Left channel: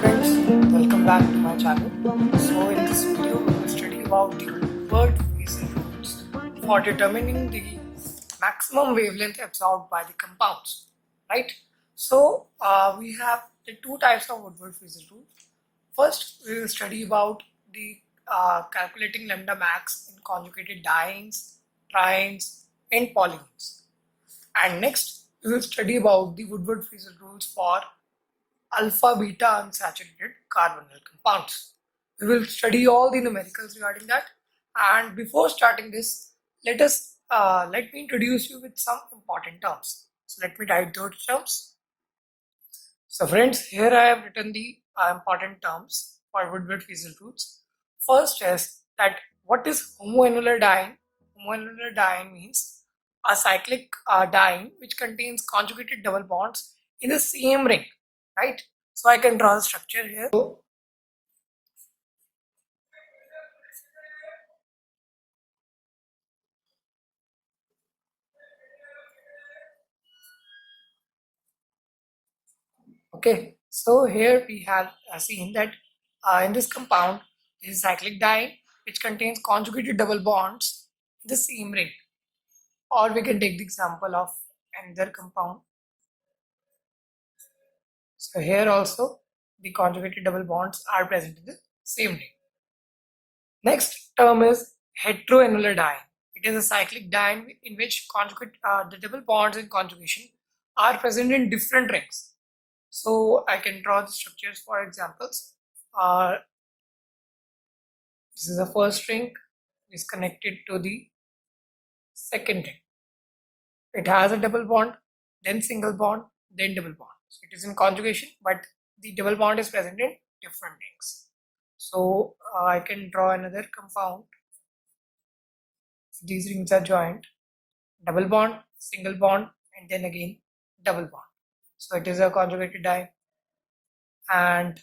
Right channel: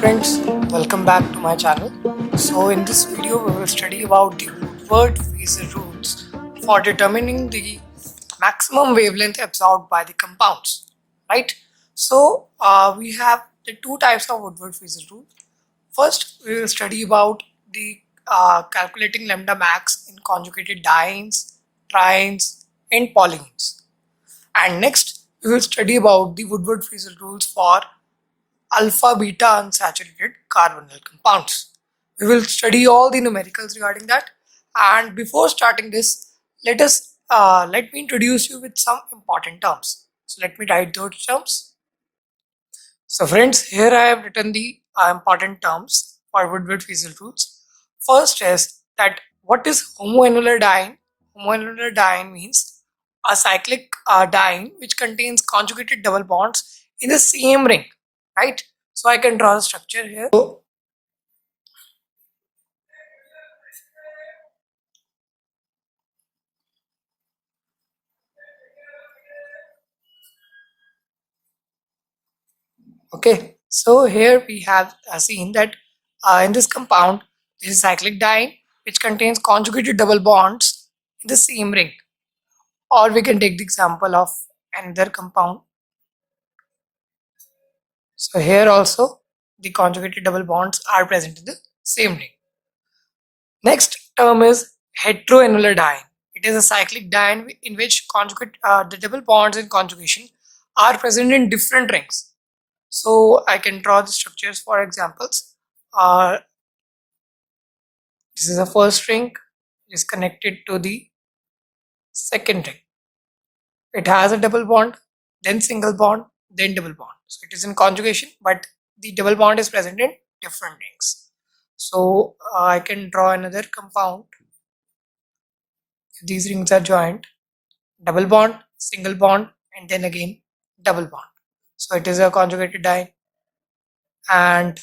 Friends, welcome back to my channel. So in this video we will study about the Woodward-Fischer rules for determining the maximum wavelength absorbed by the compounds, right? So we have the two types of Woodward-Fischer rule. First we will study about the calculating lambda max in conjugated dienes, trienes and polyenes. And next we will study about the Woodward-Fischer rules for alpha beta unsaturated carbonyl compounds. We will study all the numericals regarding that. And before starting this, let me introduce you with some important terms. So let me write those terms. So friends, here I have written the important terms for Woodward-Fischer rules. First is that what is homoannular diene? Homoannular diene means a cyclic diene which contains conjugated double bonds in the same ring, right? So I can draw the structure here. Okay, so here we have seen that in this compound, this is cyclic diene which contains conjugated double bonds in the same ring. Or we can take the example of another compound. So here also the conjugated double bonds are present in the same ring. Next term is heteroannular diene. It is a cyclic diene in which the double bonds in conjugation are present in different rings. So I can draw the structures for examples. This is the first ring, is connected to the second ring. It has a double bond, then single bond, then double bond. So it is in conjugation, but the double bond is present in different rings. So I can draw another compound. These rings are joined, double bond, single bond, and then again double bond. So it is a conjugated diene, and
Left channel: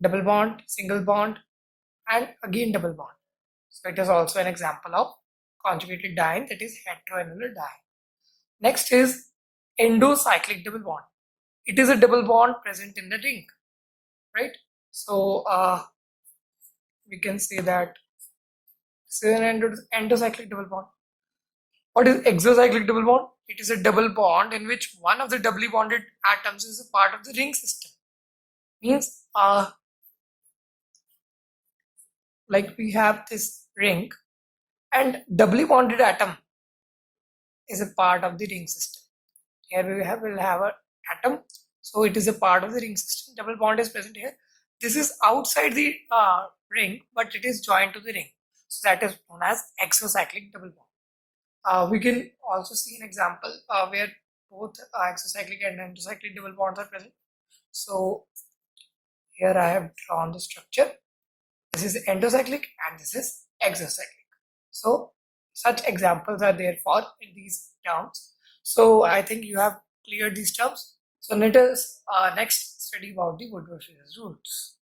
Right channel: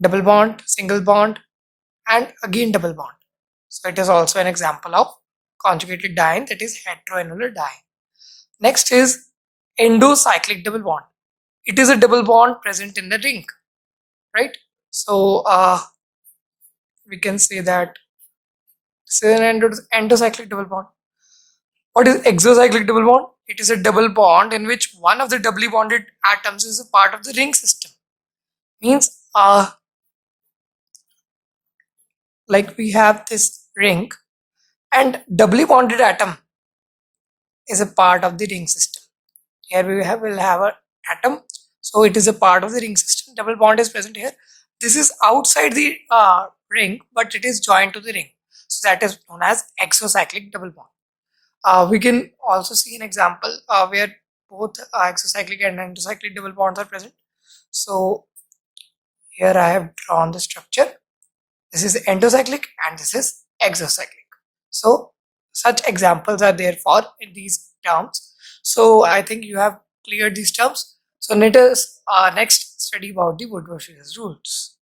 double bond, single bond, and again double bond. So it is also an example of conjugated diene, that is heteroannular diene. Next is endocyclic double bond. It is a double bond present in the ring, right? So we can say that this is an endocyclic double bond. What is exocyclic double bond? It is a double bond in which one of the doubly bonded atoms is a part of the ring system. Means like we have this ring and doubly bonded atom is a part of the ring system. Here we will have an atom, so it is a part of the ring system. Double bond is present here. This is outside the ring, but it is joined to the ring, so that is known as exocyclic double bond. We can also see an example where both exocyclic and endocyclic double bonds are present. So here I have drawn the structure. This is endocyclic and this is exocyclic. So such examples are there for these terms. So I think you have cleared these terms. So let us next study about the Woodward-Fischer rules.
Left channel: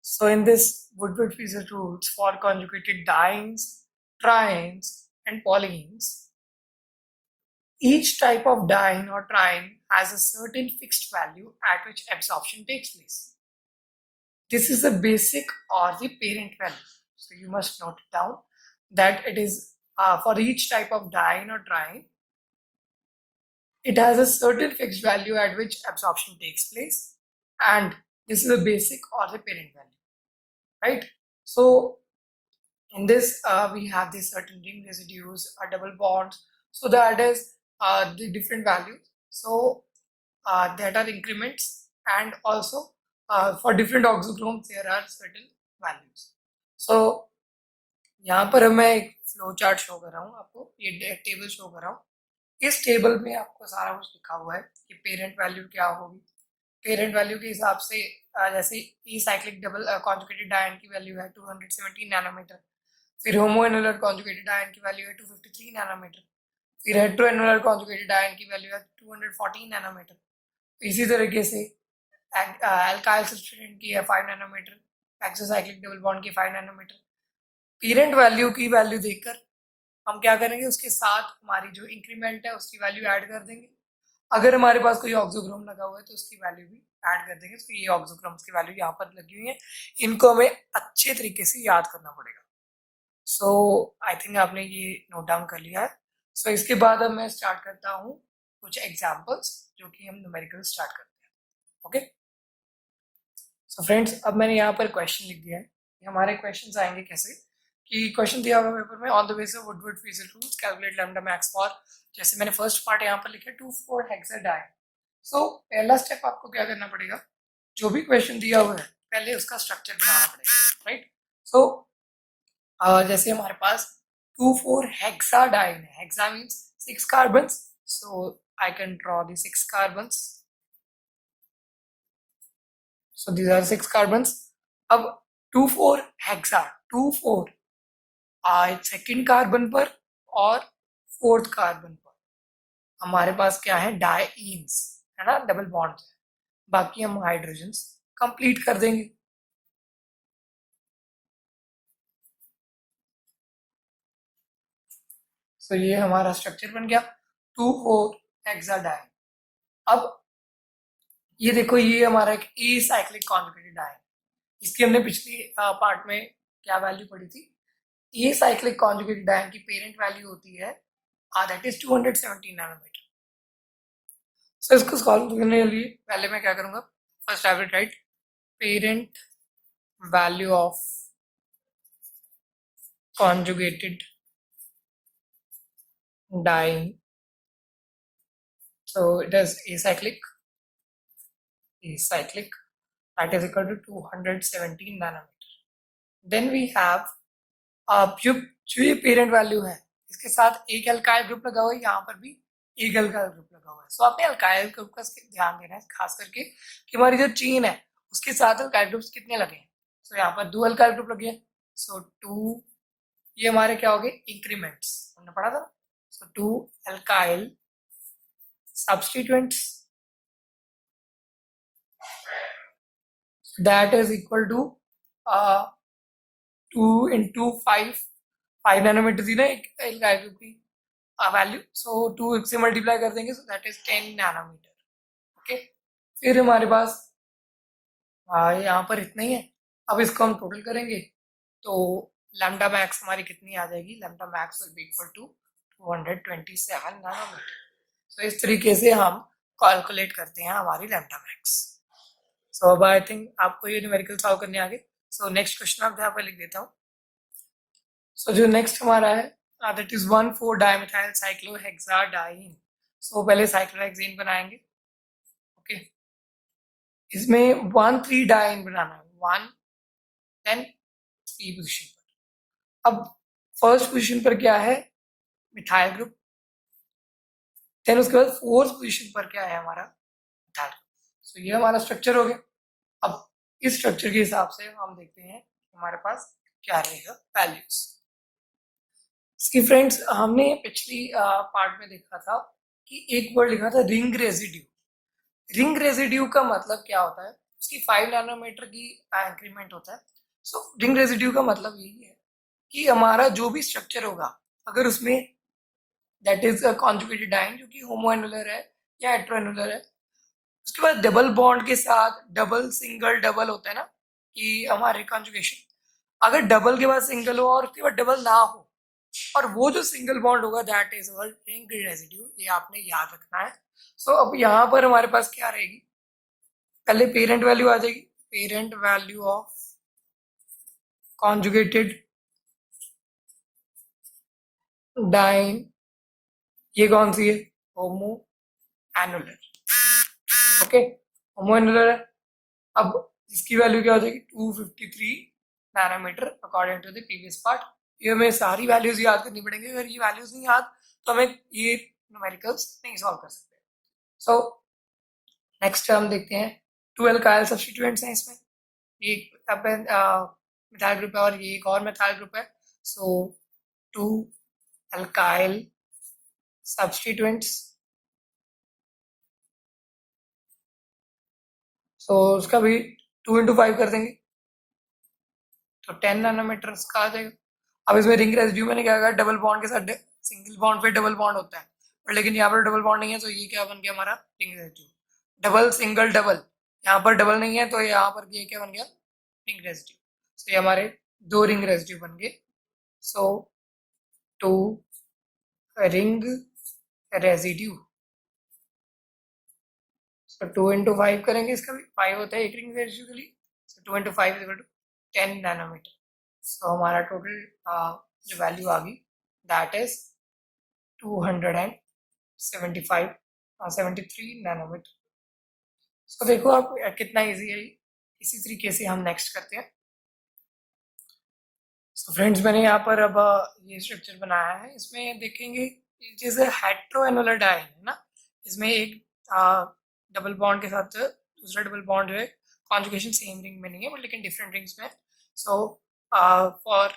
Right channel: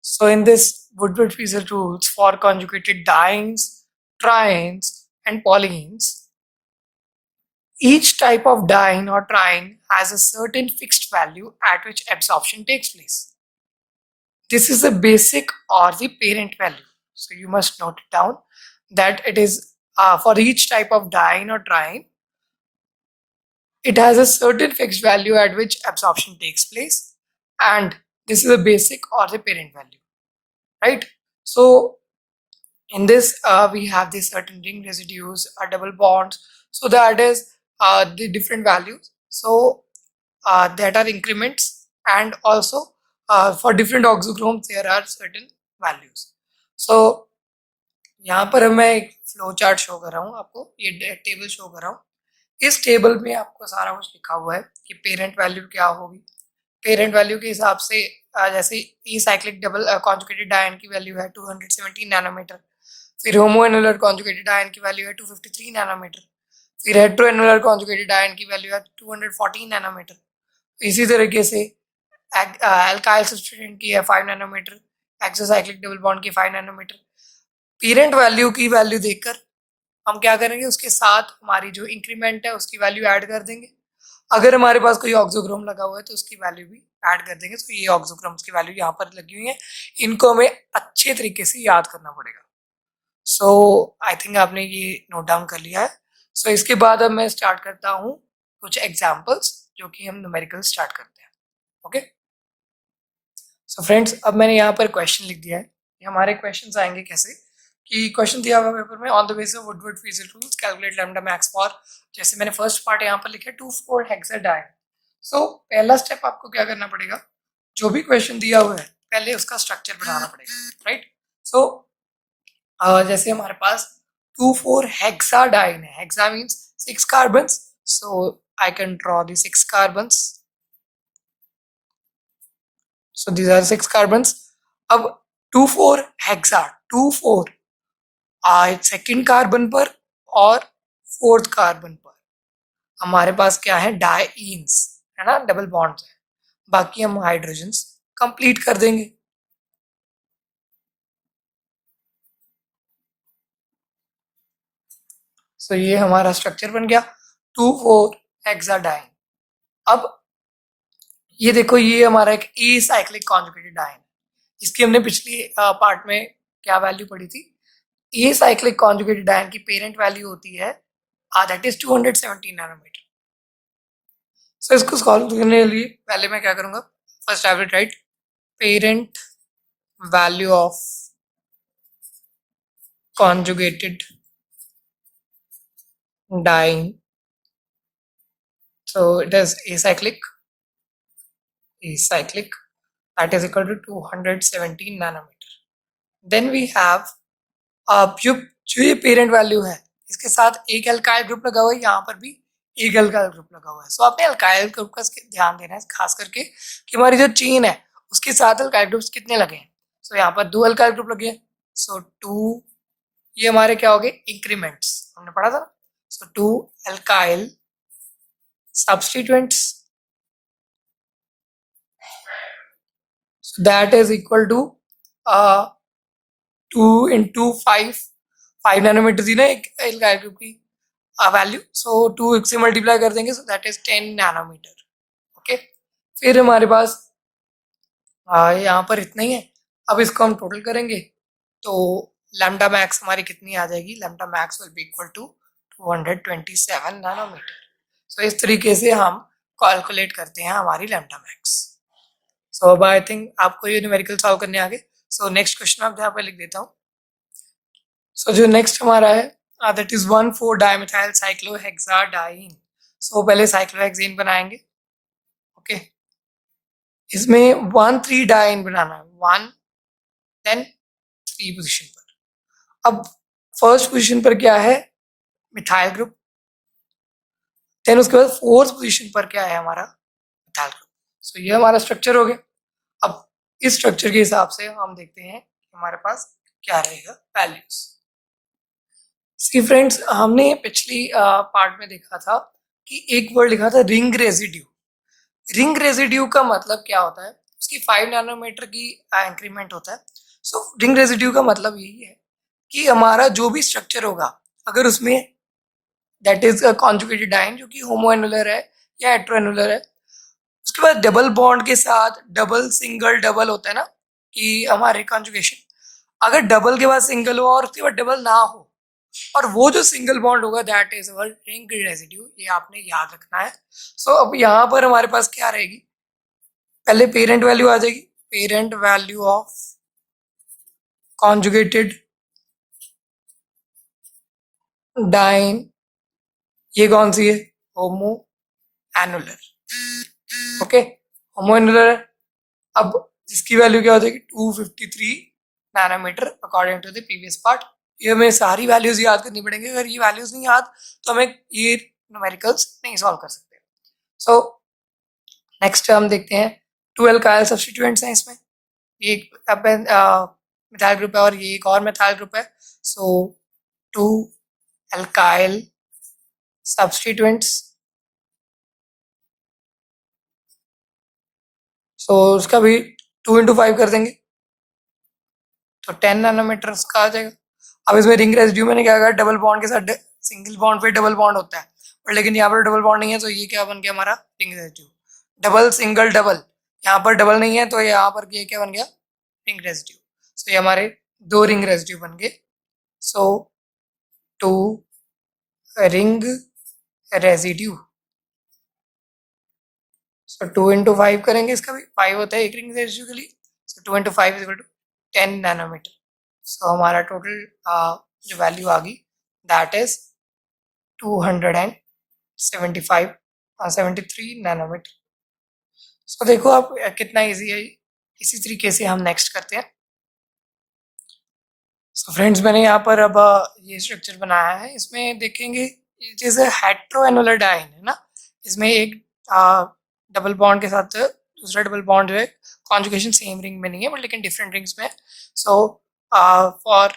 So in this Woodward-Fischer rules for conjugated dienes, trienes and polyenes, each type of diene or triene has a certain fixed value at which absorption takes place. This is the basic or the parent value. So you must note it down that it is for each type of diene or triene, it has a certain fixed value at which absorption takes place, and this is the basic or the parent value, right? So in this we have the certain ring residues or double bonds, so that is the different values. So that are increments, and also for different oxychromes there are certain values. So यहाँ पर मैं एक flow chart show कर रहा हूँ आपको, ये table show कर रहा हूँ. इस टेबल में आपको सारा कुछ लिखा हुआ है कि पेरेंट वैल्यू क्या होगी. पेरेंट वैल्यू के हिसाब से जैसे ई साइक्लिक डबल कॉन्जुगेटेड डायन की वैल्यू है 217 नैनोमीटर, फिर होमोएनुलर कॉन्जुगेटेड डायन की वैल्यू है 253 नैनोमीटर, फिर हेट्रोएनुलर कॉन्जुगेटेड डायन की वैल्यू है 214 नैनोमीटर. इसी तरीके से अल्काइल सब्स्टिट्यूएंट की है 5 नैनोमीटर, एक्सोसाइक्लिक डबल बॉन्ड की 5 नैनोमीटर. पेरेंट वैल्यू की वैल्यू देखकर हम क्या करेंगे, उसके साथ हमारी जो इंक्रीमेंट है उसकी वैल्यू ऐड कर देंगे. अगर हमारे पास कोई ऑक्सोक्रोम लगा हुआ है तो उसकी वैल्यू भी ऐड कर देंगे। तो ये ऑक्सोक्रोम्स की वैल्यू यहाँ पर लगी हुई है, इनको हमें अच्छे तरीके से याद करना पड़ेगा। सो आई थिंक आपने ये नोट डाउन कर लिया है। सो इसके बाद अब मैं स्टार्ट करता हूँ कुछ एग्जाम्पल्स, जो कि हम न्यूमेरिकल स्टार्ट करते हैं। ओके, सो फ्रेंड्स, अब मैंने यहाँ पर क्वेश्चन लिख दिया है। ये हमारे क्वेश्चन आएंगे कैसे कि क्वेश्चन दिया हुआ पेपर में, on the basis of Woodward feature rules calculate lambda max for, जैसे मैंने फर्स्ट पार्ट यहाँ पर लिखा है 2,4 हेक्साडाइन। सो पहला स्टेप आपको क्या करना पड़ेगा, जो भी क्वेश्चन दिया हुआ है पहले उसका स्ट्रक्चर बनाना पड़ेगा, राइट। सो जैसे हमारे पास 2,4 हेक्साडाइन है, hexa means 6 carbons, so I can draw the 6 carbons. So these are 6 carbons. अब 2,4 हेक्सा, 2,4 सेकेंड कार्बन पर और फोर्थ कार्बन पर हमारे पास क्या है, डाइईन्स है ना, डबल बॉन्ड्स है। बाकी हम हाइड्रोजन्स कंप्लीट कर देंगे। सो ये हमारा स्ट्रक्चर बन गया 2,4 हेक्साडाइन। अब ये देखो, ये हमारा एक ए साइक्लिक कॉन्जुगेटेड डाइन, इसकी हमने पिछली पार्ट में क्या वैल्यू पढ़ी थी, ए साइक्लिक कॉन्जुगेटेड डाइन की पेरेंट वैल्यू होती है दैट इज 217 नैनोमीटर। सो इसको सॉल्व करने के लिए पहले मैं क्या करूंगा, first I will write parent value of conjugated diene, so it is acyclic that is equal to 217 nanometer. Then we have जो ये पेरेंट वैल्यू है इसके साथ एक एल्काइल ग्रुप लगा हुआ है, यहाँ पर भी एक एल्काइल ग्रुप लगा हुआ है। सो आपने एल्काइल ग्रुप का ध्यान देना है, खास करके कि हमारी जो चेन है उसके साथ एल्काइल ग्रुप्स कितने लगे हैं। सो यहाँ पर 2 एल्काइल ग्रुप लगे हैं, सो 2, ये हमारे क्या हो गए, इंक्रीमेंट्स, हमने पढ़ा था। So 2 alkyl substituents, so that is equal to 2 into 5 nanometre दी ना एक एल्काइल ग्रुप की वैल्यू, सो 2 से मल्टीप्लाई कर देंगे, so that is 10 nanometre. Okay, फिर हमारे पास यहाँ पर इतना ही है। अब इसको हम टोटल करेंगे तो लैम्डा मैक्स हमारी कितनी आ जाएगी, lambda max will be equal to 227 nanometre. So इस तरीके से हम कैलकुलेट करते हैं हमारी लैम्डा मैक्स। सो अब आई थिंक आपको ये न्यूमेरिकल सॉल्व करने आ गए। सो नेक्स्ट क्वेश्चन आप यहाँ पर लिख देता हूँ। सो जो नेक्स्ट हमारा है दैट इज 1,4 डाइमेथाइल साइक्लोहेक्साडाइन। सो पहले साइक्लोहेक्सेन बनाएंगे। ओके, इसमें 1,3 डाइन बनाना है, 1 देन 3 पोजीशन पर। अब फर्स्ट पोजीशन पर क्या है, मिथाइल ग्रुप, देन उसके बाद फोर्थ पोजीशन पर क्या है हमारा, मिथाइल ग्रुप। सो ये हमारा स्ट्रक्चर हो गया। अब इस स्ट्रक्चर के हिसाब से हम देखते हैं हमारे पास क्या रहेगा वैल्यूज। सी फ्रेंड्स, हमने पिछली पार्ट में देखा था कि एक वर्ड लिखा था रिंग रेजिड्यू। रिंग रेजिड्यू का मतलब क्या होता है, उसकी 5 नैनोमीटर की इंक्रीमेंट होता है। सो रिंग रेजिड्यू का मतलब यही है कि हमारा जो भी स्ट्रक्चर होगा, अगर उसमें दैट इज कॉन्जुगेटेड डाइन जो कि होमोएनुलर है या हेटेरोएनुलर है, उसके बाद डबल बॉन्ड के साथ डबल सिंगल डबल होता है ना कि हमारे कॉन्जुगेशन, अगर डबल के बाद सिंगल हो और उसके बाद डबल ना हो, और वो जो सिंगल बॉन्ड होगा that is our ring residue, ये आपने याद रखना है। सो अब यहाँ पर हमारे पास क्या रहेगी, पहले पेरेंट वैल्यू आ जाएगी, parent value of conjugated diene, ये कौन सी है, homo annular. Okay, homo annular है। अब इसकी वैल्यू क्या हो जाएगी, 253 nanometre according to the previous part. ये हमें सारी वैल्यूज याद करनी पड़ेंगी, अगर ये वैल्यूज नहीं याद तो हमें ये न्यूमेरिकल्स नहीं सॉल्व कर सकते। सो नेक्स्ट हम देखते हैं 2 एल्काइल सब्स्टिट्यूएंट्स हैं इसमें, ये एक मिथाइल ग्रुप है और ये एक और मिथाइल ग्रुप है। सो 2 एल्काइल सब्स्टिट्यूएंट्स, सो उसका भी 2 into 5 कर देंगे तो 10 नैनोमीटर का आ जाएगा। अब इसमें रिंग रेजिड्यू मैंने क्या कहा, डबल बॉन्ड के साथ सिंगल बॉन्ड पे डबल बॉन्ड होता है, और लेकिन यहाँ पर डबल बॉन्ड नहीं है, तो ये क्या बन गया हमारा ring residue. Double single double, यहाँ पर डबल नहीं है तो यहाँ पर ये क्या बन गया रिंग रेजिड्यू। सो ये हमारे दो रिंग रेजिड्यू बन गए। So two ring residue. So 2 into 5 करेंगे, इसका भी 5 होता है एक रिंग रेजिड्यू के लिए। सो 2 into 5 इक्वल टू 10 नैनोमीटर। सो हमारा टोटल जो वैल्यू आ गई दैट इज 275 73 नैनोमीटर। सो देखो आप कितना इजी है। इसी तरीके से हम नेक्स्ट करते हैं। सो फ्रेंड्स, मैंने यहाँ पर अब ये स्ट्रक्चर बनाया है। इसमें देखेंगे जैसे हेट्रोएनुलर डाइन है ना, इसमें एक डबल बॉन्ड के साथ दूसरा डबल बॉन्ड जो है कॉन्जुगेशन सेम रिंग में नहीं है बट लेकिन डिफरेंट रिंग्स में है। So for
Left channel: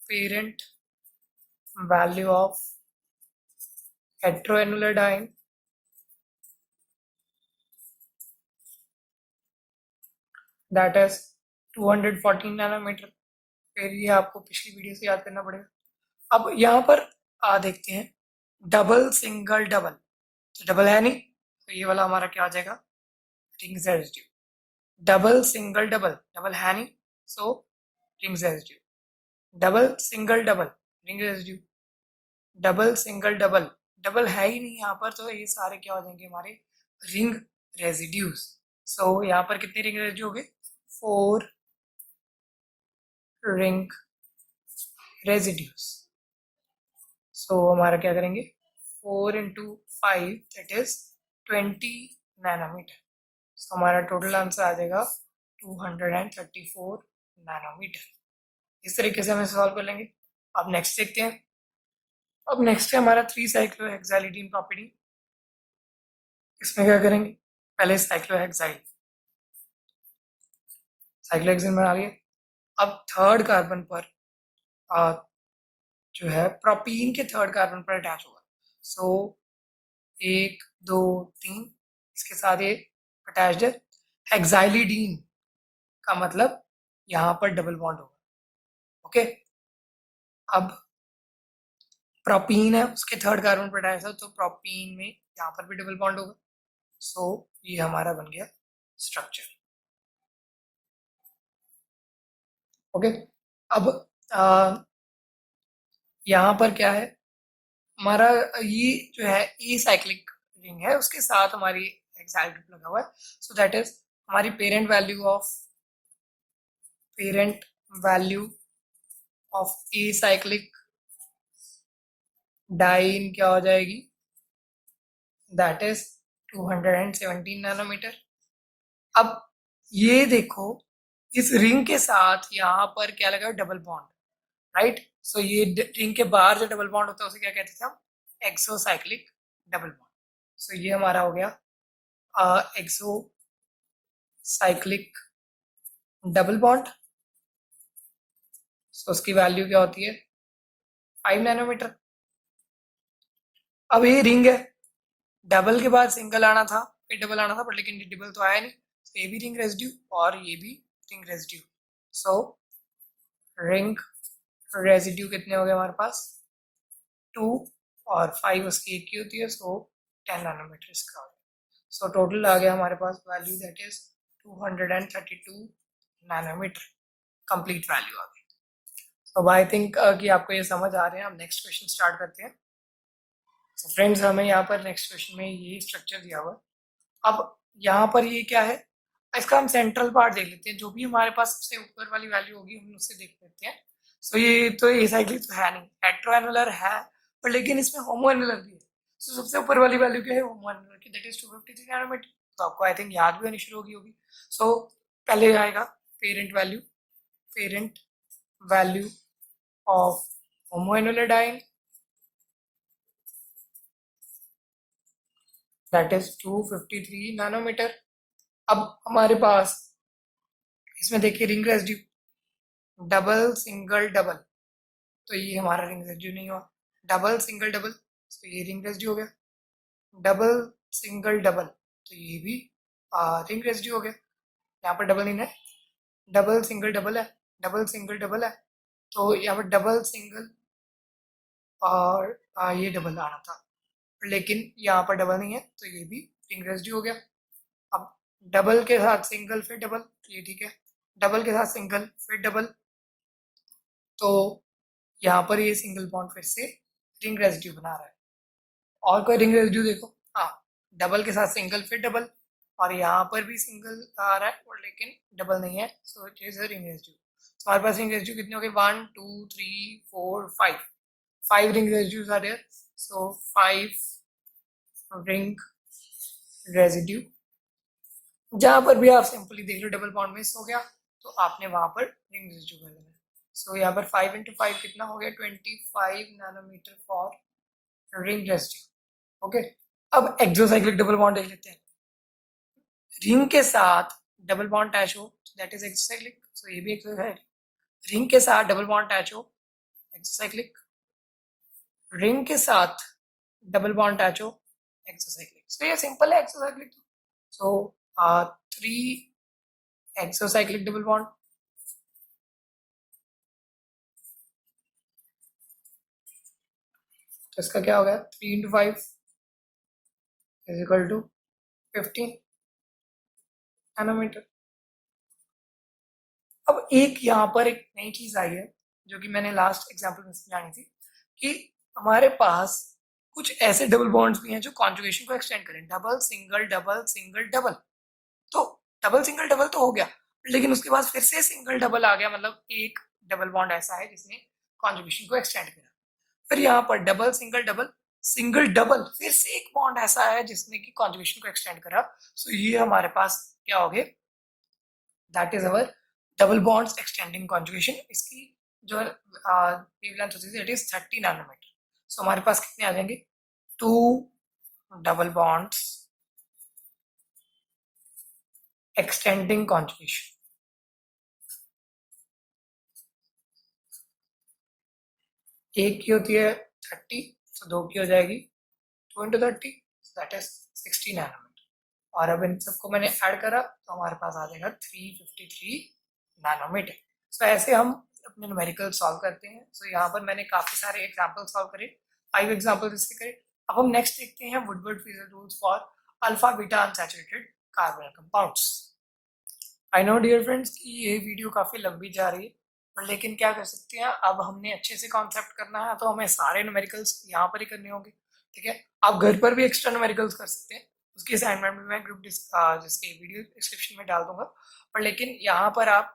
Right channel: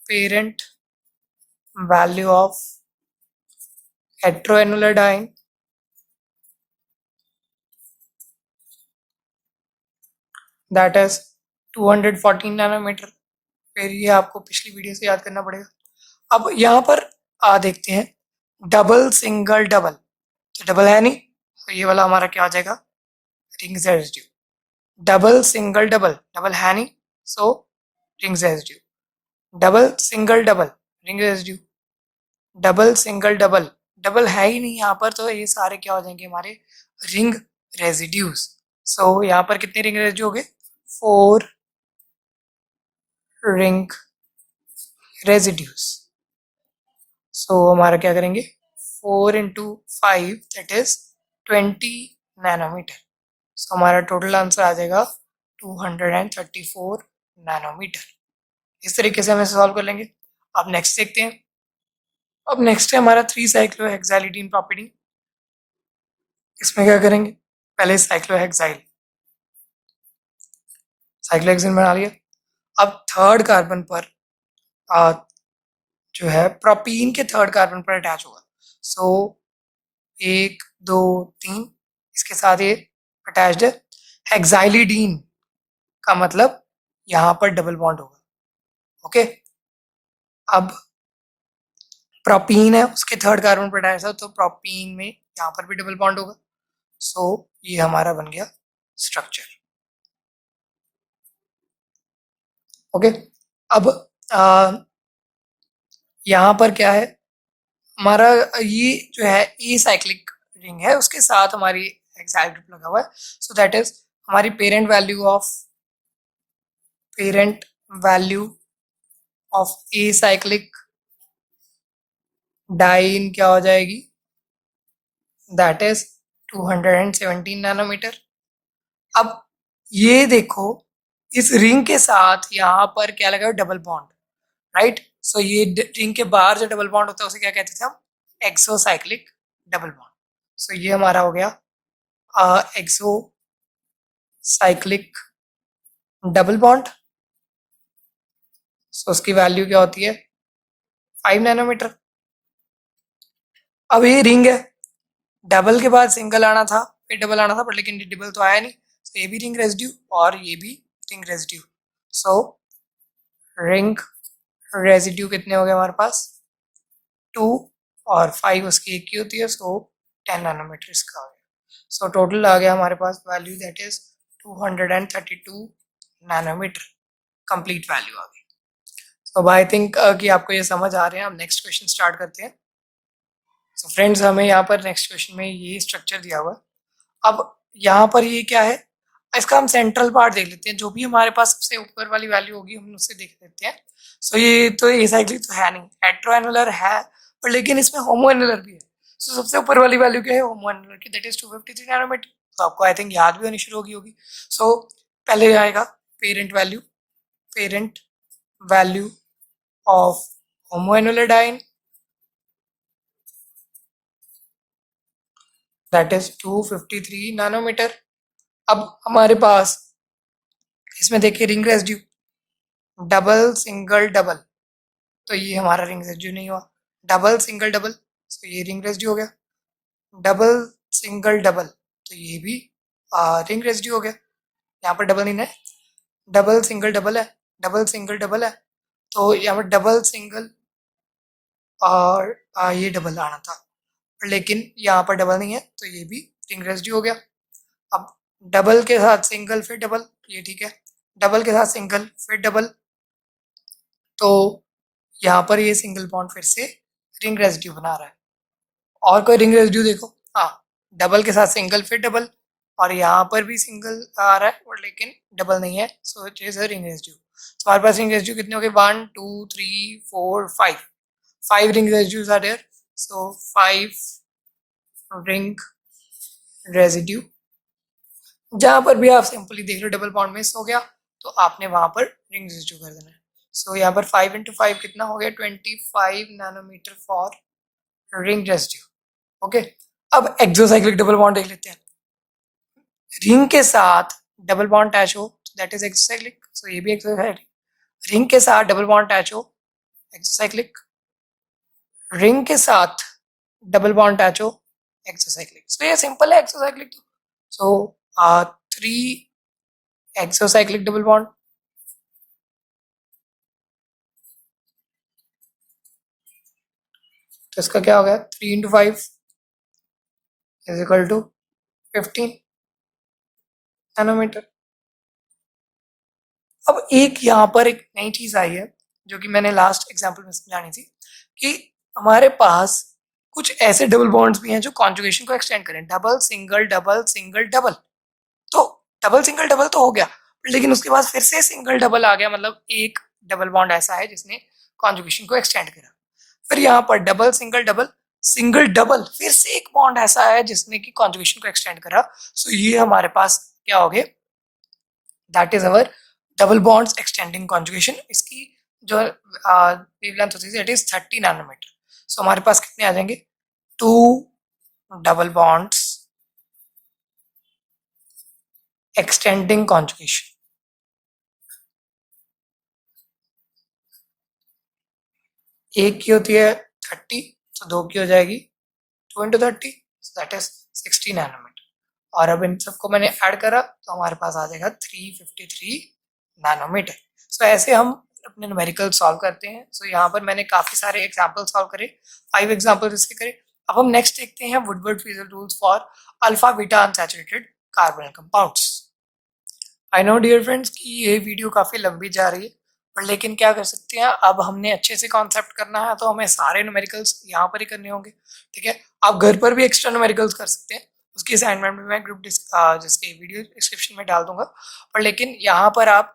parent value of heteroannular diene that is 214 nanometre. फिर ये आपको पिछली वीडियो से याद करना पड़ेगा। अब यहाँ पर देखते हैं डबल सिंगल डबल, तो डबल है नहीं तो ये वाला हमारा क्या आ जाएगा ring residue. Double single double, double है नहीं so ring residue. Double single double ring residue. Double single double, double है ही नहीं यहाँ पर, तो ये सारे क्या हो जाएंगे हमारे रिंग रेजिड्यूज। सो यहाँ पर कितने रिंग रेजिड्यू हो गए 4 रिंग रेजिड्यूज। सो हमारा क्या करेंगे 4 into 5 दैट इज 20 नैनोमीटर। सो हमारा टोटल आंसर आ जाएगा 234 नैनोमीटर। इस तरीके से हम इसे सॉल्व कर लेंगे। अब नेक्स्ट देखते हैं। अब नेक्स्ट है हमारा 3-साइक्लोहेक्साइलिडीन प्रॉपर्टी। इसमें क्या करेंगे पहले साइक्लोहेक्साइल, साइक्लोहेक्सेन बना लिया। अब थर्ड कार्बन पर जो है प्रोपीन के थर्ड कार्बन पर अटैच होगा। सो 1 2 3 इसके साथ ये अटैच्ड है। हेक्साइलिडीन का मतलब यहाँ पर डबल बॉन्ड होगा। ओके, अब प्रोपीन है उसके थर्ड कार्बन पर अटैच है तो प्रोपीन में यहाँ पर भी डबल बॉन्ड होगा। सो ये हमारा बन गया स्ट्रक्चर। ओके, अब यहाँ पर क्या है हमारा ये जो है ए साइक्लिक रिंग है उसके साथ हमारी हेक्साइल ग्रुप लगा हुआ है। सो दैट इज हमारी parent value of a cyclic diene क्या हो जाएगी दैट इज 217 नैनोमीटर। अब ये देखो इस रिंग के साथ यहाँ पर क्या लगा डबल बॉन्ड, राइट। सो ये रिंग के बाहर जो डबल बॉन्ड होता है उसे क्या कहते थे हम एक्सोसाइक्लिक डबल बॉन्ड। सो ये हमारा हो गया एक्सोसाइक्लिक डबल बॉन्ड। सो उसकी वैल्यू क्या होती है 5 नैनोमीटर। अब ये रिंग है, डबल के बाद सिंगल आना था फिर डबल आना था बट लेकिन डबल तो आया नहीं। तो ये भी रिंग रेजिड्यू और ये भी ring residue. So ring residue कितने हो गए हमारे पास 2 और 5 उसकी एक ही होती है। सो 10 नैनोमीटर इसका आ गया। सो टोटल आ गया हमारे पास value that is 232 nanometre. Complete value आ गई। तो आई थिंक कि आपको ये समझ आ रहे हैं। हम नेक्स्ट क्वेश्चन स्टार्ट करते हैं। सो फ्रेंड्स, हमें यहाँ पर नेक्स्ट क्वेश्चन में ये स्ट्रक्चर दिया हुआ है। अब यहाँ पर ये क्या है इसका हम सेंट्रल पार्ट देख लेते हैं। जो भी हमारे पास सबसे ऊपर वाली वैल्यू होगी हम उससे देख लेते हैं। सो ये तो एसाइक्लिक तो है नहीं, हेट्रोएनुलर है पर लेकिन इसमें होमोएनुलर भी है। सो सबसे ऊपर वाली वैल्यू क्या है होमोएनुलर की दैट इज 253 नैनोमीटर। तो आपको आई थिंक याद भी होनी शुरू होगी। सो पहले आएगा parent value of homoannular diene that is 253 nanometre. अब हमारे पास इसमें देखिए ring residue double single double, तो ये हमारा रिंग रेजिड्यू नहीं हुआ। डबल सिंगल डबल तो ये रिंग रेजिड्यू हो गया। डबल सिंगल डबल तो ये भी रिंग रेजिड्यू हो गया। यहाँ पर डबल नहीं है, डबल सिंगल डबल है, डबल सिंगल डबल है तो यहाँ पर डबल सिंगल और ये डबल आना था। लेकिन यहाँ पर डबल नहीं है तो ये भी रिंग रेसिड्यू हो गया। अब डबल के साथ सिंगल फिर डबल, ये ठीक है, डबल के साथ सिंगल फिर डबल, तो यहाँ पर ये सिंगल बॉन्ड फिर से रिंग रेसिड्यू बना रहा है। और कोई रिंग रेसिड्यू देखो, हाँ, डबल के साथ सिंगल फिर डबल, और यहाँ पर भी सिंगल आ रहा है और लेकिन डबल नहीं है, so it is a ring residue. तो हमारे पास रिंग रेसिड्यू कितने हो गए, 1 2 3 4 5, 5 ring residues are there, so 5 ring residue. जहां पर भी आप सिंपली देख लो डबल बॉन्ड मिस हो गया तो आपने वहां पर रिंग रेसिड्यू कर देना है। सो यहाँ पर 5 × 5 कितना हो गया, 25 nanometre for ring residue. Okay, अब एक्सोसाइक्लिक डबल बॉन्ड देख लेते हैं। रिंग के साथ डबल बॉन्ड अटैच हो दैट इज एक्सोसाइक्लिक, सो ये भी एक्सोसाइक्लिक। रिंग के साथ डबल बॉन्ड अटैच हो एक्सोसाइक्लिक, रिंग के साथ डबल बॉन्ड अटैच हो एक्सोसाइक्लिक। सो ये सिंपल है exocyclic. So 3 exocyclic double bond, तो इसका क्या हो गया, 3 × 5 इज इक्वल टू 15 नैनोमीटर। अब एक यहाँ पर एक नई चीज आई है जो कि मैंने लास्ट एग्जांपल में समझानी थी, कि हमारे पास कुछ ऐसे डबल बॉन्ड्स भी हैं जो कॉन्जुगेशन को एक्सटेंड करें, double single double single double. तो डबल सिंगल डबल तो हो गया, लेकिन उसके बाद फिर से सिंगल डबल आ गया, मतलब एक डबल बॉन्ड ऐसा है जिसने कॉन्जुगेशन को एक्सटेंड करा। फिर यहाँ पर double single double single double, फिर से एक बॉन्ड ऐसा है जिसने की कॉन्जुगेशन को एक्सटेंड करा। सो ये हमारे पास क्या हो गए, that is our double bonds extending conjugation. इसकी जो वेवलेंथ होती है दैट इज 30 नैनोमीटर। सो हमारे पास कितने आ जाएंगे, 2 डबल बॉन्ड्स एक्सटेंडिंग कॉन्जुगेशन। एक की होती है 30, तो दो की हो जाएगी 2 × 30, दैट इज 60 नैनोमीटर। और अब इन सबको मैंने ऐड करा तो हमारे पास आ जाएगा 353 नैनोमीटर। सो ऐसे हम अपने न्यूमेरिकल सॉल्व करते हैं। सो यहाँ पर मैंने काफी सारे एग्जाम्पल सॉल्व करे, 5 एग्जाम्पल इसके करे। अब हम नेक्स्ट देखते हैं Woodward Fieser rules for alpha beta unsaturated carbonyl compounds. I know dear friends कि ये वीडियो काफ़ी लंबी जा रही है, पर लेकिन क्या कर सकते हैं, अब हमने अच्छे से कॉन्सेप्ट करना है तो हमें सारे न्यूमेरिकल्स यहाँ पर ही करने होंगे। ठीक है, आप घर पर भी एक्स्ट्रा न्यूमेरिकल्स कर सकते हैं, उसकी असाइनमेंट में मैं जिसके वीडियो डिस्क्रिप्शन में डाल दूंगा। पर लेकिन यहाँ पर आप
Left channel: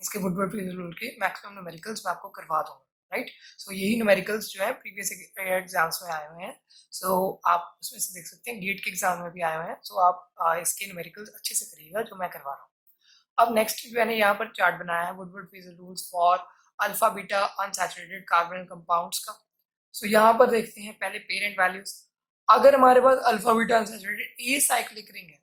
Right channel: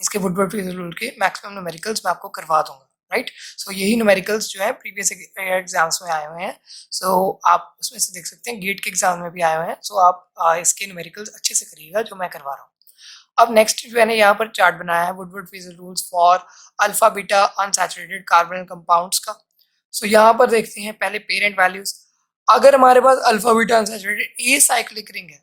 इसके वुडवर्ड-फीजर रूल के मैक्सिमम न्यूमेरिकल्स मैं आपको करवा दूंगा, राइट। सो यही न्यूमेरिकल्स जो है प्रीवियस एग्जाम्स में आए हुए हैं। सो आप उसमें से देख सकते हैं, गेट के एग्जाम में भी आए हुए हैं। सो आप इसके न्यूमेरिकल्स अच्छे से करिएगा जो मैं करवा रहा हूँ। अब नेक्स्ट मैंने यहाँ पर चार्ट बनाया है Woodward Fieser rules for alpha beta unsaturated carbonyl compounds का। सो यहाँ पर देखते हैं पहले पेरेंट वैल्यूज। अगर हमारे पास alpha beta unsaturated a cyclic ring है,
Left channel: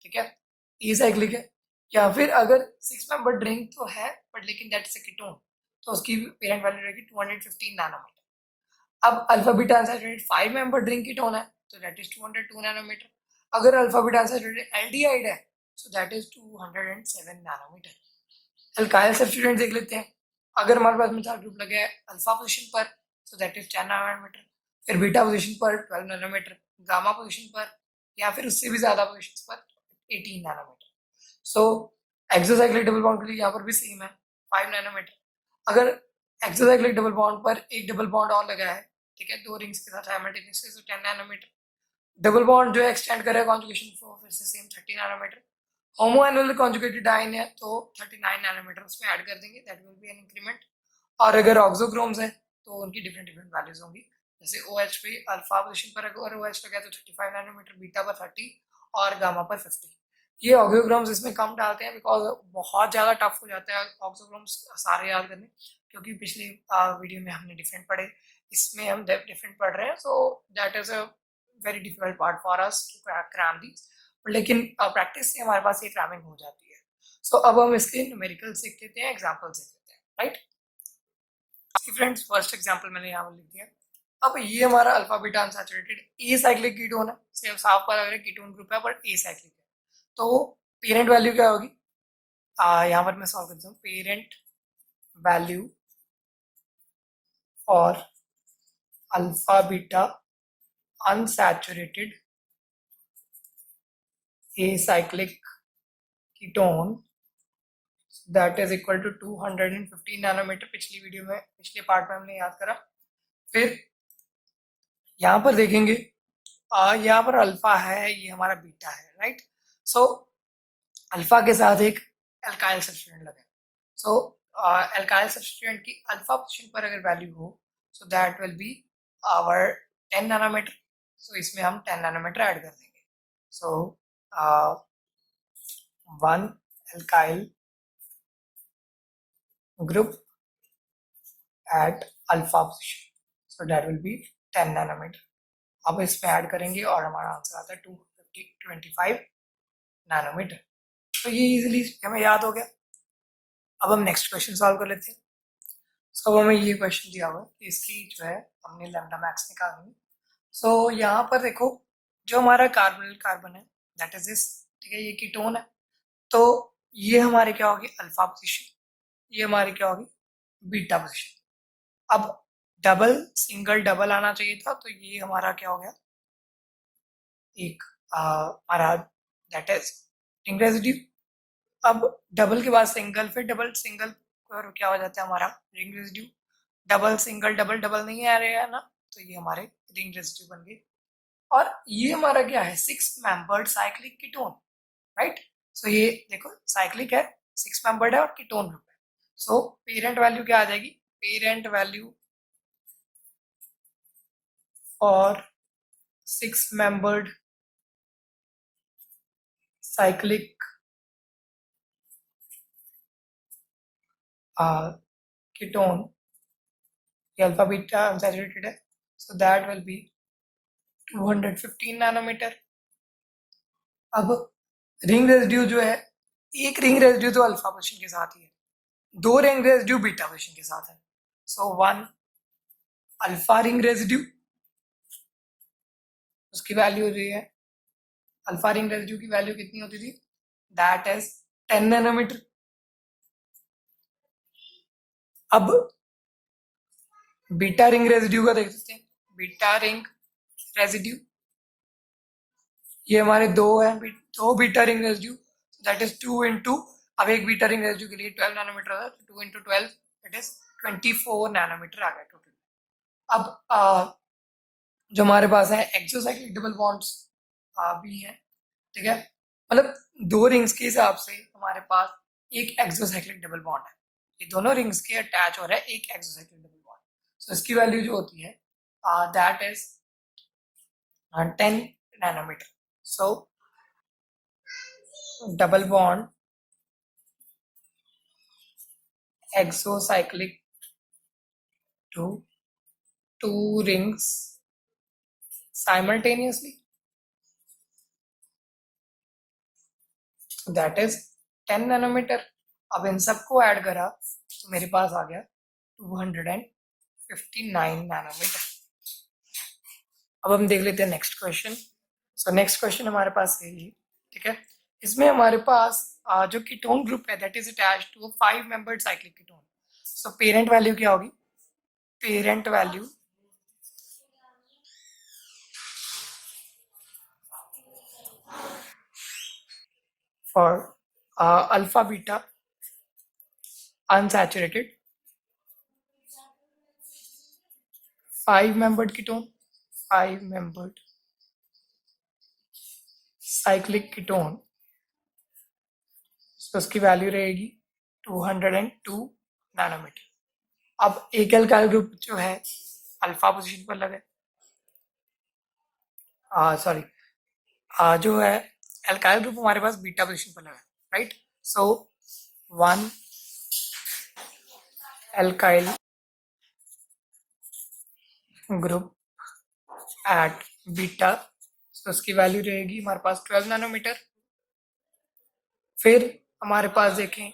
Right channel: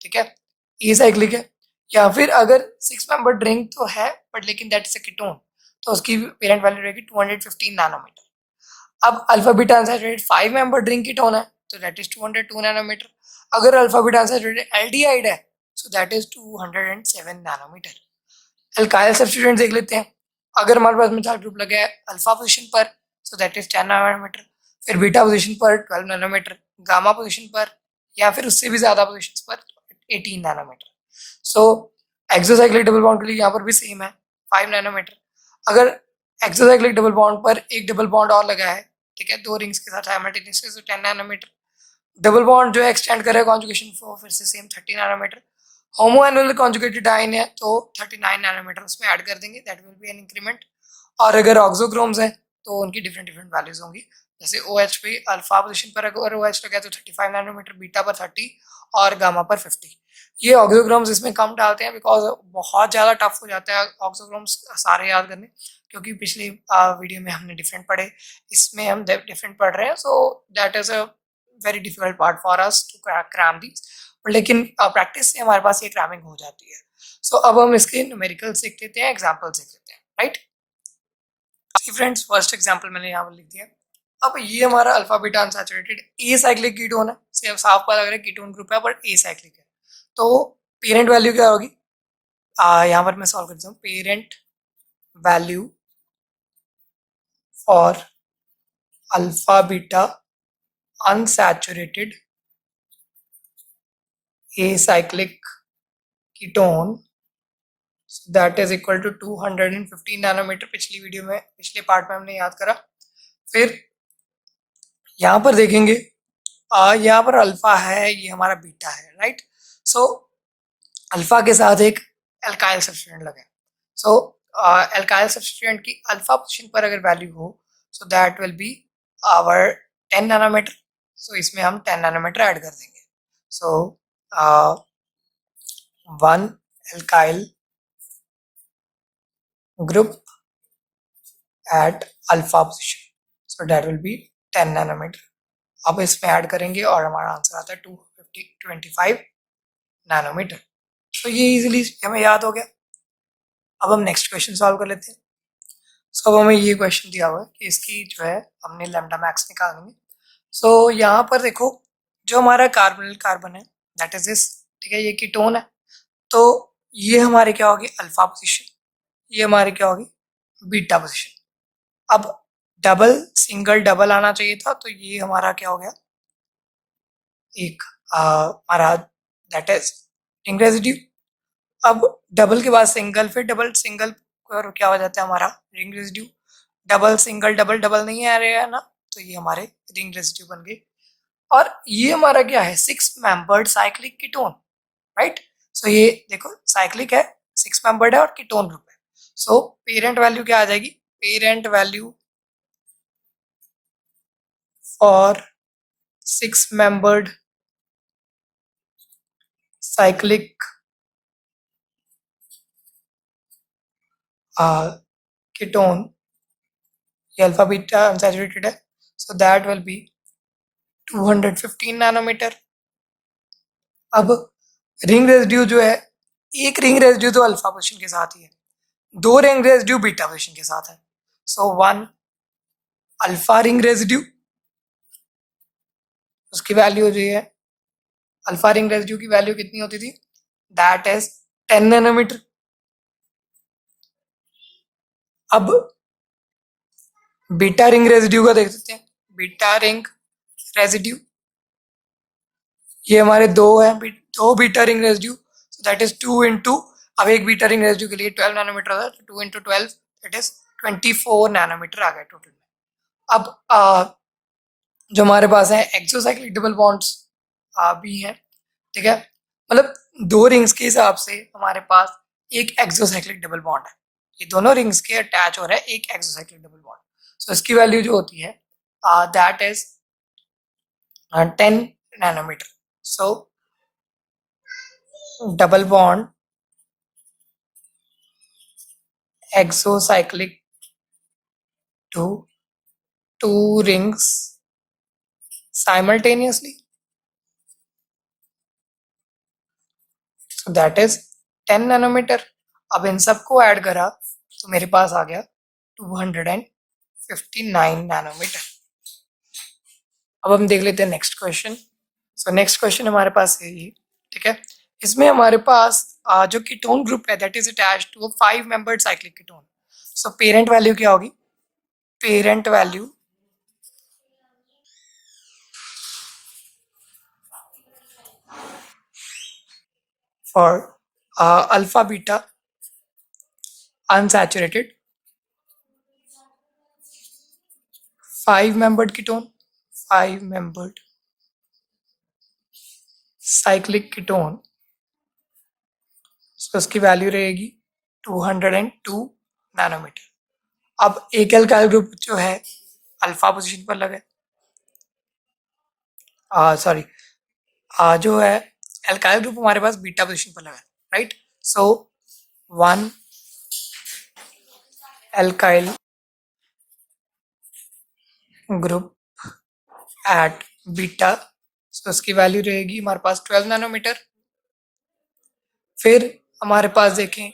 ठीक है, ए साइक्लिक है, या फिर अगर 6 मेंबर रिंग तो है बट लेकिन दैट इज अ कीटोन, तो उसकी पेरेंट वैल्यू रहेगी 215 नैनोमीटर। अब alpha beta unsaturated 5 member ring ketone है तो दैट इज 202 नैनोमीटर। अगर अल्फा बीटा अनसैचुरेटेड एल्डिहाइड है so that is 207 nanometre. Alkyl substituent देख लेते हैं। अगर हमारे पास मिथाइल ग्रुप लगा है अल्फा पोजीशन पर सो दैट इज 10 नैनोमीटर, फिर बीटा पोजीशन पर 12 नैनोमीटर, गामा पोजीशन पर या फिर उससे भी ज्यादा पोजीशंस पर 18 नैनोमीटर। सो एक्सोसाइक्लिक डबल बॉन्ड के लिए यहाँ पर भी सेम है 5 नैनोमीटर। अगर एक्सोसाइक्लिक डबल बॉन्ड पर एक डबल बॉन्ड और लगा है, ठीक है, दो रिंग्स के साथ साइमल्टेनियसली, तो 10 नैनोमीटर। डबल बॉन्ड जो है एक्सटेंड कर रहा है कॉन्जुगेशन को, फिर से सेम 30 नैनोमीटर। होमो एनुअल कॉन्जुगेटेड डाइन है तो 39 नैनोमीटर उसमें ऐड कर देंगे, that will B an increment. और अगर ऑक्सोक्रोम्स है तो उनकी डिफरेंट डिफरेंट वैल्यूज होंगी। जैसे OH पे अल्फा पोजीशन पर अगर OH लगा तो 35 नैनोमीटर, बीटा पर 30 और गामा पर 50। ये ऑक्सोक्रोम्स इसमें कम डालते हैं बिकॉज बहुत ज़्यादा टफ हो जाता है ऑक्सोक्रोम्स सारे याद करने, क्योंकि पिछली वीडियो में हमने डिफरेंट पढ़े, इसमें हम डिफरेंट पढ़ रहे हैं। So that is a very difficult part for us to cram these, लेकिन प्रैक्टिस से हमारे पास ये क्रैमिंग हो जाती है। सो अब हम इसके न्यूमेरिकल सीख लेते हैं, एग्जाम्पल सीख लेते हैं, राइट। फ्रेंड्स फर्स्ट एग्जांपल मैंने यहाँ पर लिख दिया। अब ये हमारा alpha beta unsaturated a cyclic ketone है, सिर्फ साफ पता लग रहा है कीटोन ग्रुप है बट ए साइक्लिक है। तो पेरेंट वैल्यू क्या होगी, यहाँ पर मैं सॉल्व करता हूँ। Parent value for alpha beta unsaturated acyclic ketone, so that is equal to 215 nanometre. पिछली वीडियो में, पिछले पार्ट में हमने याद करा। फिर यहाँ पर देखेंगे, यहाँ पर अल्फा है, ये हमारा बीटा है, राइट। सो अल्फा के साथ एक एल्काइल सब्स्टिट्यूएंट लगे। सो एल्काइल सब्स्टिट्यूएंट की अल्फा पोजीशन पर अगर वैल्यू हो, so that will be our 10 nanometre. So इसमें हम 10 नैनोमीटर ऐड कर देंगे। So 1 alkyl group at alpha position, so that will be 10 nanometre. अब इसमें ऐड करेंगे और हमारा आंसर आता है 225 नैनोमीटर। तो ये इजीली हमें याद हो गया। अब हम नेक्स्ट क्वेश्चन सॉल्व कर लेते हैं। सो अब हमें ये क्वेश्चन दिया हुआ है कि इसकी जो है हमने लैम्डा मैक्स निकालनी है। सो यहाँ पर देखो, जो हमारा कार्बन है दैट इज दिस, ठीक है, ये कीटोन है। तो ये हमारे क्या होगी, अल्फा पोजीशन, ये हमारे क्या होगी, बीटा पोजीशन। अब डबल सिंगल डबल आना चाहिए था, तो ये हमारा क्या हो गया, एक हमारा दैट इज रिंग रेजिड्यू। अब डबल के बाद सिंगल, फिर डबल सिंगल और क्या हो जाता है हमारा ring residue. Double single double double नहीं आ रहा है ना, तो ये हमारे रिंग रेजिड्यू बन गए। और ये हमारा क्या है, 6 मेंबर्ड साइक्लिक कीटोन, राइट। सो ये देखो साइक्लिक है, 6 मेंबर्ड है और कीटोन ग्रुप है। सो पेरेंट वैल्यू क्या आ जाएगी, parent value for 6 membered cyclic ketone, ये अल्फा बीटा अनसैचुरेटेड है, so that will be 215 nanometre. अब रिंग रेजिड्यू जो है, एक रिंग रेजिड्यू तो अल्फा पोजीशन के साथ ही है, 2 रिंग रेजिड्यू बीटा पोजीशन के साथ है। सो 1 अल्फा रिंग रेजिड्यू, उसकी वैल्यू जो है, अल्फा रिंग रेजिड्यू की वैल्यू कितनी होती थी, दैट इज 10 नैनोमीटर। अब बीटा रिंग रेजिड्यू का देख सकते हैं, बीटा रिंग रेजिड्यू ये हमारे दो हैं, दो beta ring residue, so that is 2 into, अब एक बीटा रिंग रेजिड्यू के लिए 12 नैनोमीटर होता है, तो 2 इंटू 12 दैट इज 24 नैनोमीटर आ गया टोटल में। अब जो हमारे पास है एक्सोसाइक्लिक डबल बॉन्ड्स भी हैं, ठीक है, मतलब दो रिंग्स के हिसाब से हमारे पास एक एक्सोसाइक्लिक डबल बॉन्ड है, ये दोनों रिंग्स के अटैच हो रहा है एक एक्सोसाइक्लिक डबल बॉन्ड। सो इसकी वैल्यू जो होती है that is 10 nanometre. So double bond exocyclic to two rings simultaneously, so that is 10 nanometre. अब इन सबको ऐड करा तो मेरे पास आ गया 259 नैनोमीटर। अब हम देख लेते हैं next question. So next question हमारे पास है ये, ठीक है, इसमें हमारे पास जो कीटोन ग्रुप है that is attached to a 5 membered cyclic ketone. So parent value क्या होगी, parent value for alpha beta unsaturated 5 membered ketone, 5 membered cyclic ketone, so उसकी वैल्यू रहेगी 202 नैनोमीटर। अब एक एल्काइल ग्रुप जो है अल्फा पोजीशन पर लगा है, सॉरी जो है एल्काइल ग्रुप हमारे पास बीटा पोजीशन पर लगा है, राइट। सो 1 एल्काइल ग्रुप एट बीटा, सो उसकी वैल्यू रहेगी हमारे पास 12 नैनोमीटर। फिर हमारे पास देखें,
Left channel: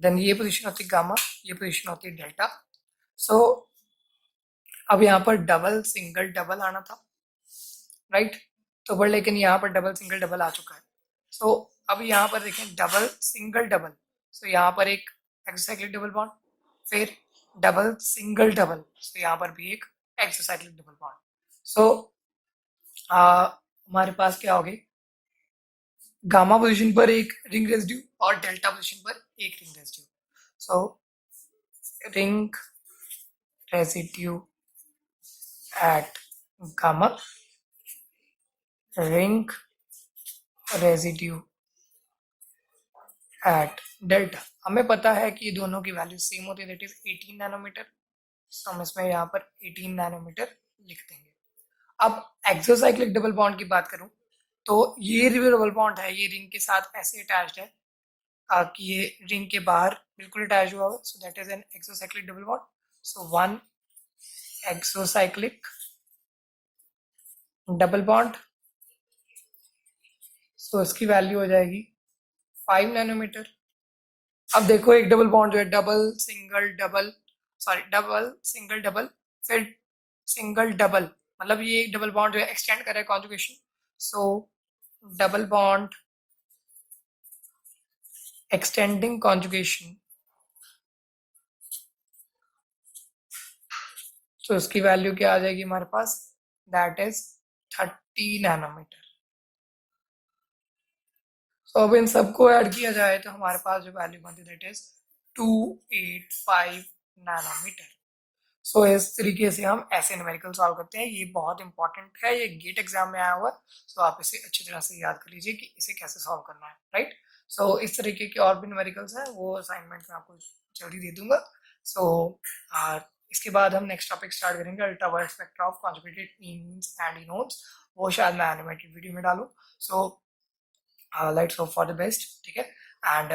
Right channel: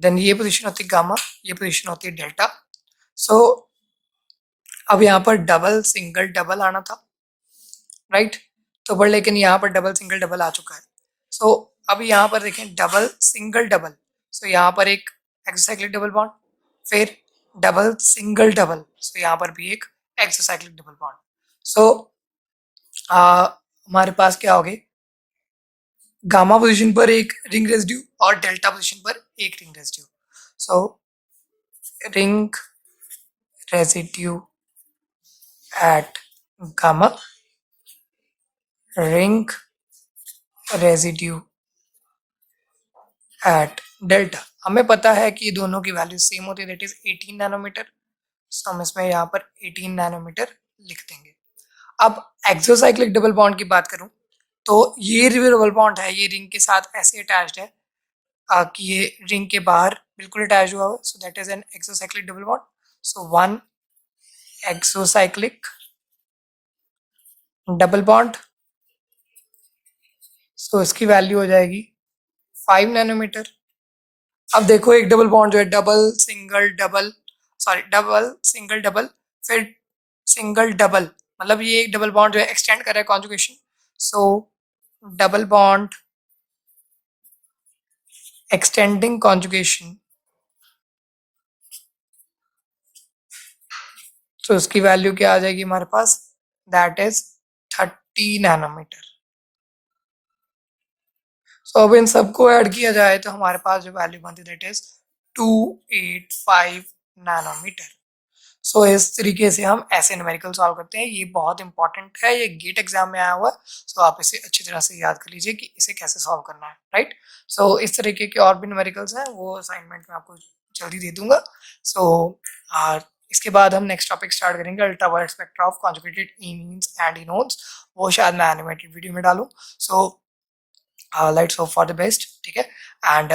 देन ये पोजीशन होती है गामा, ये पोजीशन होती है डेल्टा। सो अब यहाँ पर डबल सिंगल डबल आना था, राइट, तो पर लेकिन यहाँ पर डबल सिंगल डबल आ चुका है। सो अब यहाँ पर देखें डबल सिंगल डबल, सो यहाँ पर एक एक्सोसाइक्लिक डबल बॉन्ड, फिर डबल सिंगल डबल, सो यहाँ पर भी एक एक्सोसाइक्लिक डबल बॉन्ड। सो हमारे पास क्या होगी, गामा पोजीशन पर एक रिंग रेजिड्यू और डेल्टा पोजीशन पर एक ring residue. So ring residue at gamma, ring residue at delta. हमें पता है कि दोनों की वैल्यू सेम होती है, दैट इज 18 नैनोमीटर. सो हम इसमें यहाँ पर 18 नैनोमीटर लिख देंगे. अब एक्सोसाइक्लिक डबल बॉन्ड की बात करूं तो ये डबल बॉन्ड है, ये रिंग के साथ ऐसे अटैच्ड है कि ये रिंग के बाहर बिल्कुल अटैच हुआ हुआ. So that is an exocyclic double bond. So one exocyclic double bond. So इसकी वैल्यू हो जाएगी 5 नैनोमीटर. अब देखो एक डबल बॉन्ड जो है, double single double, sorry double single double फिर सिंगल डबल, मतलब ये एक डबल बॉन्ड जो है एक्सटेंड कर रहा है conjugation. So double bond extending conjugation. तो उसकी वैल्यू क्या आ जाएगी हमारे पास, दैट इज 30 नैनोमीटर. सो अब इन सबको ऐड किया जाए तो हमारे पास जो वैल्यू बनती है दैट इज 285 नैनोमीटर. सो इस तरीके से हम ऐसे न्यूमेरिकल सॉल्व करते हैं. ये बहुत इंपॉर्टेंट है, ये गेट एग्जाम में आया हुआ है. सो आप इसे अच्छी तरह से याद कर लीजिए कि इसे कैसे सॉल्व करना है, राइट. सो इस तरीके के और भी न्यूमेरिकल्स हैं, वो असाइनमेंट में आपको जल्दी दे दूंगा. सो इसके बाद हम नेक्स्ट टॉपिक स्टार्ट करेंगे, ultraviolet spectra of conjugated imines and enones. वो शायद मैं एनिमेटेड वीडियो में डालूं. So let's hope for the best, ठीक है. एंड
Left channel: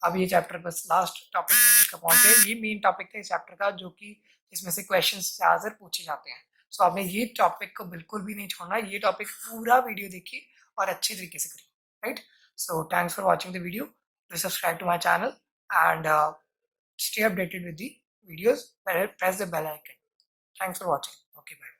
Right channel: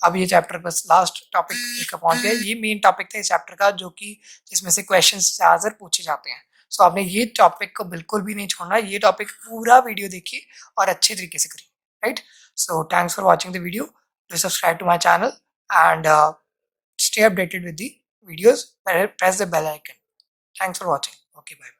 अब ये चैप्टर बस लास्ट टॉपिक का पहुंच गया. ये मेन टॉपिक था इस चैप्टर का, जो कि जिसमें से क्वेश्चंस ज़्यादातर पूछे जाते हैं. सो आपने ये टॉपिक को बिल्कुल भी नहीं छोड़ना, ये टॉपिक पूरा वीडियो देखिए और अच्छे तरीके से करिए, right. So thanks for watching the video. Do subscribe to my channel and stay updated with the videos. Press the bell icon. Thanks for watching. Okay, bye.